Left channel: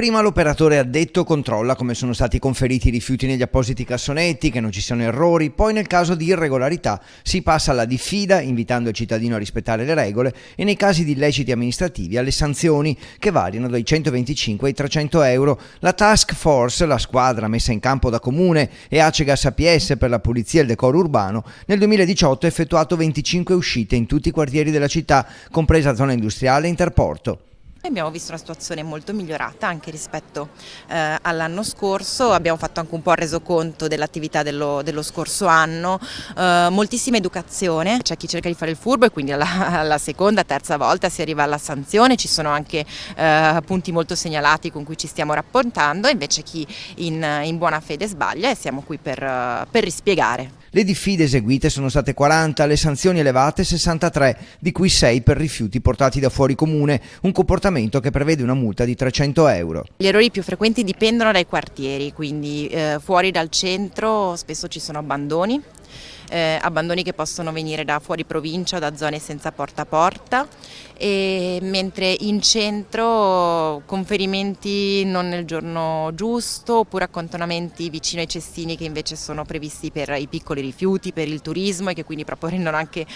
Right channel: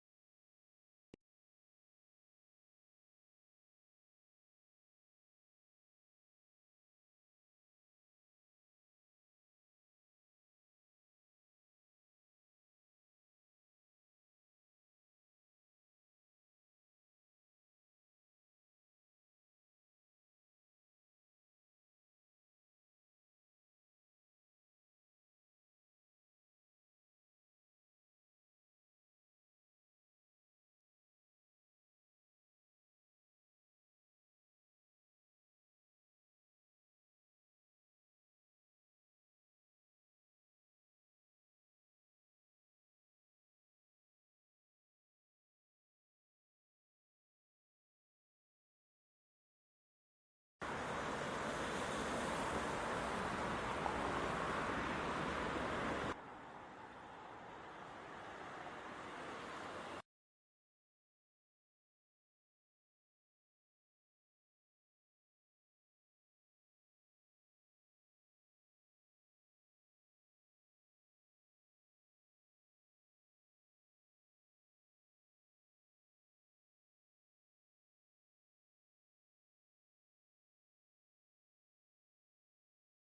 Prima l'operatore addetto controlla come sono stati conferiti i rifiuti negli appositi cassonetti, che non ci siano errori, poi nel caso di irregolarità si passa alla diffida invitando il cittadino a rispettare le regole e nei casi di illeciti amministrativi alle sanzioni che variano dai 125 ai 300 euro. La task force, la squadra messa in campo da Comune e Acegas APS per la pulizia e il decoro urbano, nel 2018 ha effettuato 25 uscite in tutti i quartieri della città, compresa zona industriale e Interporto. Abbiamo visto una situazione molto migliorata anche rispetto all'anno scorso, abbiamo fatto anche un po' il resoconto dell'attività dello scorso anno, moltissima educazione, c'è chi cerca di fare il furbo e quindi alla seconda, terza volta si arriva alla sanzione, ci sono anche punti molto segnalati con cui ci stiamo rapportando, invece chi in buona fede sbaglia e siamo qui per rispiegare. Le diffide eseguite sono state 40, le sanzioni elevate 63, di cui 6 per rifiuti portati da fuori comune, un comportamento che prevede una multa di 300 euro. Gli errori più frequenti dipendono dai quartieri, quindi fuori dal centro spesso ci sono abbandoni che possono venire da fuori provincia o da zone senza porta a porta, mentre in centro conferimenti non nel giorno giusto oppure accantonamenti vicino ai cestini che invece sono previsti per i piccoli rifiuti, per il turismo e che quindi proprio rendono anche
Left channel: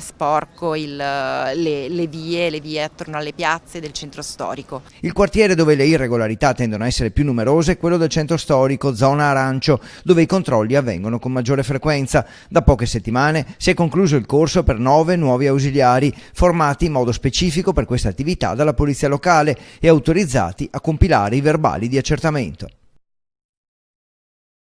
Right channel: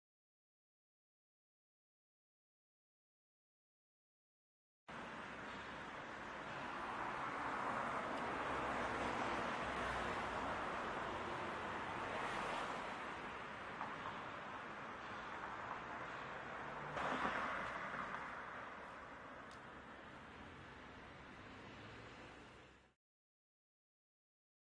sporco le vie attorno alle piazze del centro storico. Il quartiere dove le irregolarità tendono a essere più numerose è quello del centro storico, zona arancio, dove i controlli avvengono con maggiore frequenza. Da poche settimane si è concluso il corso per 9 nuovi ausiliari, formati in modo specifico per questa attività dalla polizia locale e autorizzati a compilare i verbali di accertamento.